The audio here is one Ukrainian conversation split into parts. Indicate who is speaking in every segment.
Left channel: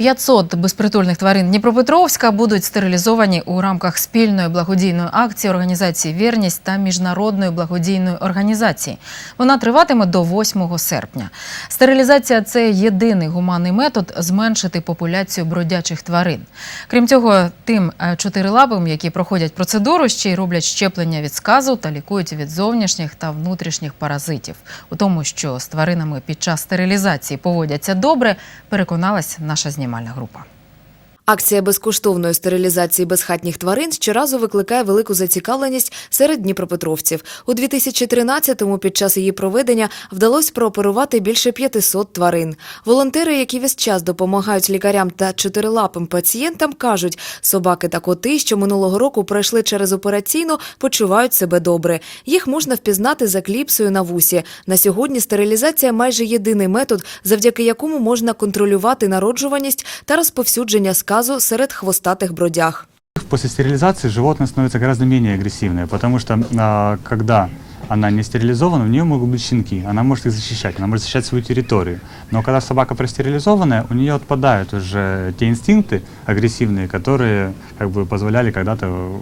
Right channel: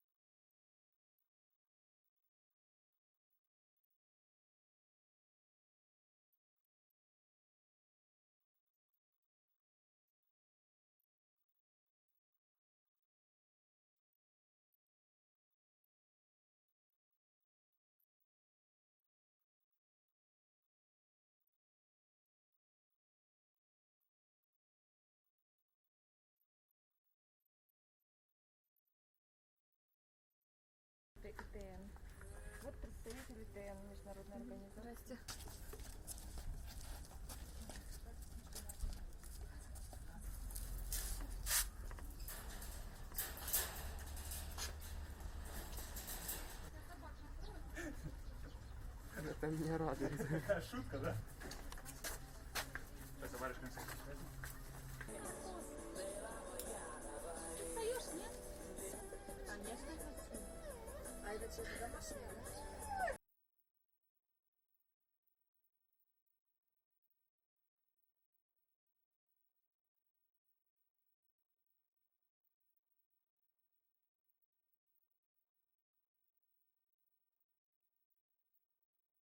Speaker 1: 500 безпритульних тварин Дніпропетровська будуть стерилізовані у рамках спільної благодійної акції організації Вірність та міжнародної благодійної організації. Вона триватиме до 8 серпня. Стерилізація це єдиний гуманний метод зменшити популяцію бродячих тварин. Крім цього, тим е, чотирилапим, які проходять процедуру, ще й роблять щеплення від сказу та лікують від зовнішніх та внутрішніх паразитів. У тому, що з тваринами під час стерилізації поводяться добре, переконалась наша знімальна група.
Speaker 2: Акція безкоштовної стерилізації безхатніх тварин щоразу викликає велику зацікавленість серед дніпропетровців. У 2013-му під час її проведення вдалося прооперувати більше 500 тварин. Волонтери, які весь час допомагають лікарям та чотирилапим пацієнтам, кажуть, собаки та коти, що минулого року пройшли через операційну, почувають себе добре. Їх можна впізнати за кліпсою на вусі. На сьогодні стерилізація майже єдиний метод, завдяки якому можна контролювати народжуваність та розповсюдження сказу серед хвостатих бродяг.
Speaker 3: После стерилизации животное становится гораздо менее агрессивное, потому что а, когда она не стерилизована, у нее могут быть щенки, она может их защищать, она может защищать свою территорию. Но когда собака простерилизованная, у нее отпадают уже те инстинкты агрессивные, которые как бы позволяли когда-то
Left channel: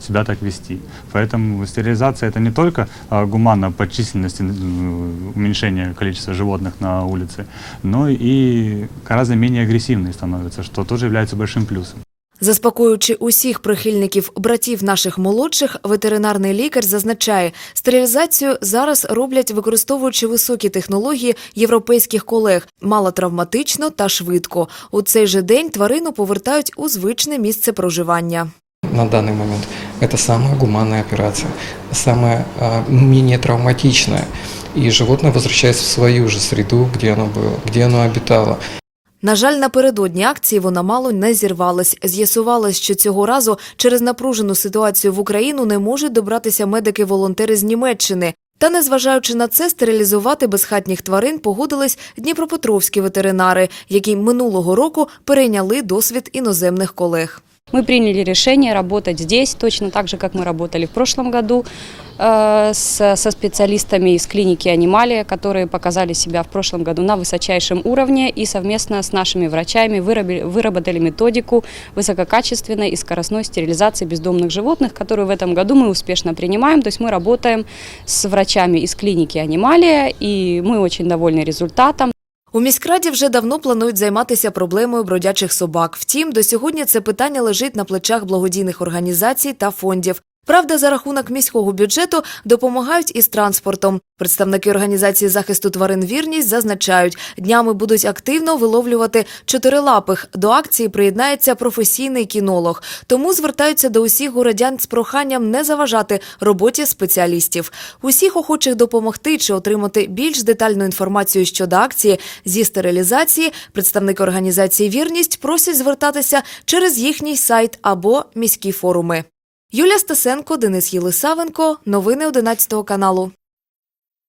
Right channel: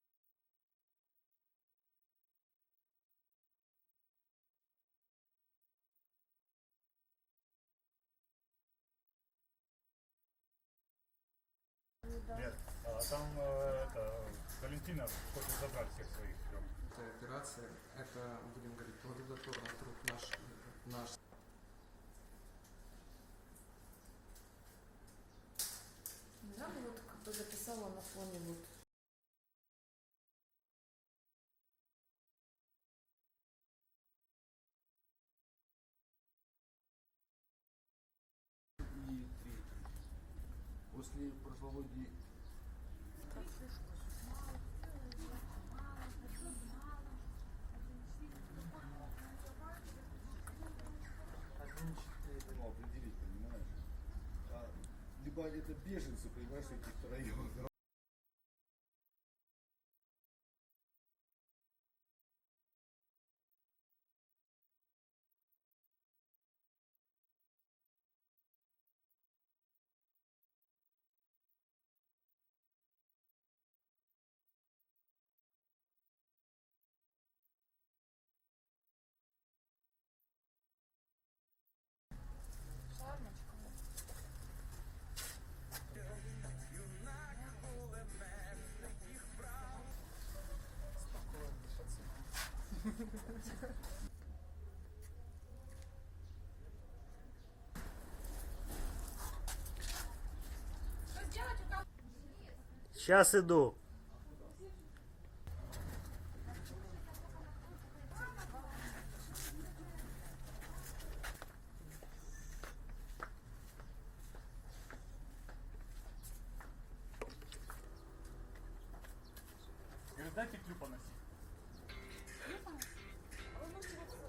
Speaker 3: себя так вести. Поэтому стерилизация это не только а, гуманно по численности м, уменьшение количества животных на улице, но и гораздо менее агрессивной становится, что тоже является большим плюсом.
Speaker 2: Заспокоюючи усіх прихильників братів наших молодших, ветеринарний лікар зазначає, стерилізацію зараз роблять використовуючи високі технології європейських колег, малотравматично та швидко. У цей же день тварину повертають у звичне місце проживання.
Speaker 4: на данный момент. Это самая гуманная операция, самая менее травматичная. И животное возвращается в свою же среду, где оно было, где оно обитало.
Speaker 2: На жаль, напередодні акції вона мало не зірвалась. З'ясувалось, що цього разу через напружену ситуацію в Україну не можуть добратися медики-волонтери з Німеччини. Та, незважаючи на це, стерилізувати безхатніх тварин погодились дніпропетровські ветеринари, які минулого року перейняли досвід іноземних колег.
Speaker 5: Мы приняли решение работать здесь, точно так же, как мы работали в прошлом году э, со специалистами из клиники «Анималия», которые показали себя в прошлом году на высочайшем уровне и совместно с нашими врачами выработали методику высококачественной и скоростной стерилизации бездомных животных, которую в этом году мы успешно принимаем. То есть мы работаем с врачами из клиники «Анималия», и мы очень довольны результатом.
Speaker 2: У міськраді вже давно планують займатися проблемою бродячих собак. Втім, до сьогодні це питання лежить на плечах благодійних організацій та фондів. Правда, за рахунок міського бюджету допомагають із транспортом. Представники організації захисту тварин вірність зазначають, днями будуть активно виловлювати чотирилапих. До акції приєднається професійний кінолог. Тому звертаються до усіх городян з проханням не заважати роботі спеціалістів. Усіх охочих допомогти чи отримати більш детальну інформацію щодо акції зі стерилізації. Представники організації Вірність просять звертатися через їхній сайт або міські форуми. Юлія Стасенко, Денис Єлисавенко. Новини 11 каналу.